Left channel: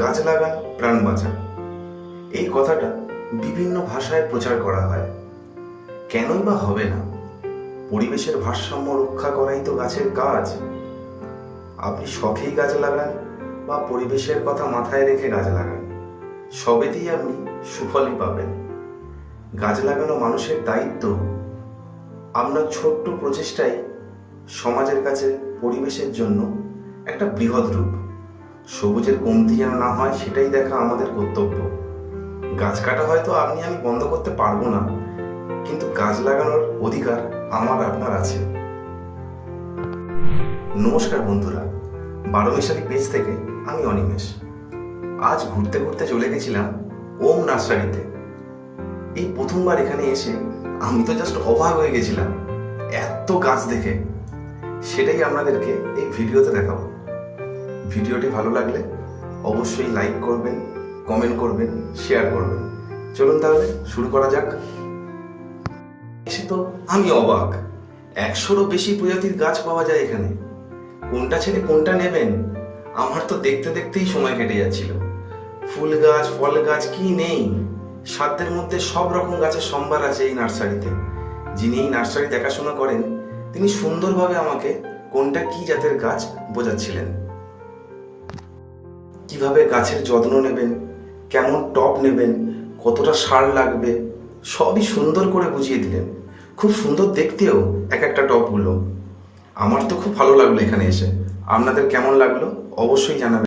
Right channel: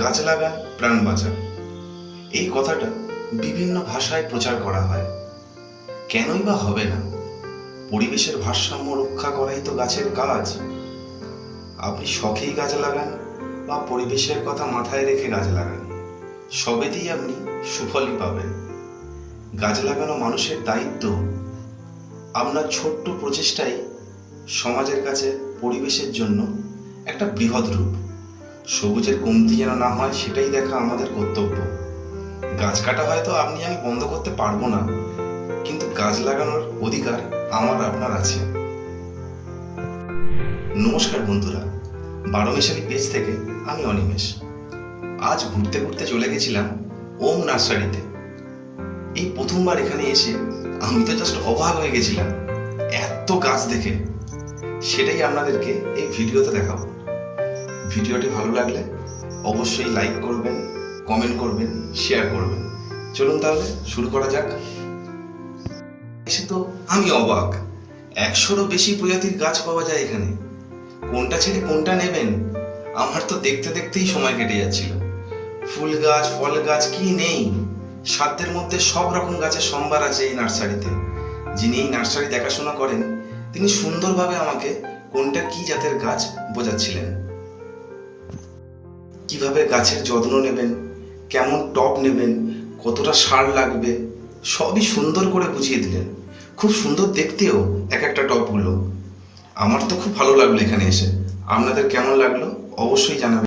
গাছ লাগান প্রাণ বাঁচান, এই কথাটা বিভিন্ন ভাষায় প্রচার করা হয়। কেনই বা হবে না? পরিবেশের ভারসাম্য রক্ষা করাই তো গাছের কাজ। আপনি শখেই গাছ লাগান বা পরিবেশের কথা মাথায় রেখে গাছ লাগান, সবেতেই আপনি সুফলই পাবেন। গাছ লাগানো মানুষের দায়িত্ব। আপনার ছোট্ট প্রচেষ্টাই সমাজের কাছে পরিবেশের জন্য একটা বৃহৎ রূপ। সবুজের কমতি যেন না হয় সেটাই দেখা আমাদের কর্তব্য। গাছ কাটা হয়তো আপনি আমি বন্ধ করতে পারবো না, কিন্তু গাছ লাগানোর অধিকার আমার আপনার আছে। নমস্কার বন্ধুরা, বারোমেশালি পেজ থেকে আমি অনিমেষ। আজ ঘুরতে ঘুরতে চলে গেছিলাম ওম নার্সারিতে। এই প্রথমবার এখানে এসে আমি তো জাস্ট অবাক হয়ে গেছিলাম এত গাছ দেখে। সেটাই আপনাদেরকে এই ভিডিওতে দেখাবো। ভিডিওটি ভালো লাগলে অবশ্যই লাইক করবেন, কমেন্ট করবেন, শেয়ার করবেন। চলুন তাহলে শুরু করা যাক। এসে তো আমি অবাক, 100রও বেশি প্রজাতির গাছ পাওয়া যায় এখানে। কোনটা ছেড়ে কোনটা নেবেন, আমার তো দেখতে দেখতেই সময় কেটে যাচ্ছিল। ফুল গাছ, ফল গাছ কি নেই, সাধ্যের মধ্যে সব রকম গাছের সম্ভার আছে এই নার্সারিতে। যিনি এই নার্সারি দেখাশোনা করেন তিনি সুন্দরভাবে আমাকে কোনটা কি জাতের গাছ বোঝাচ্ছিলেন। কিভাবে গাছের যত্ন নেবেন, কেমন টব নেবেন, কতটা সার লাগবে, সবই সুন্দর করে বুঝিয়ে দিলেন। খুব সুন্দর দেখতেও এক একটা টবগুলো। আমার তো খুব ভালো লাগলো এখানে এসে। আপনাদের কেমন লাগলো অবশ্যই জানাবেন।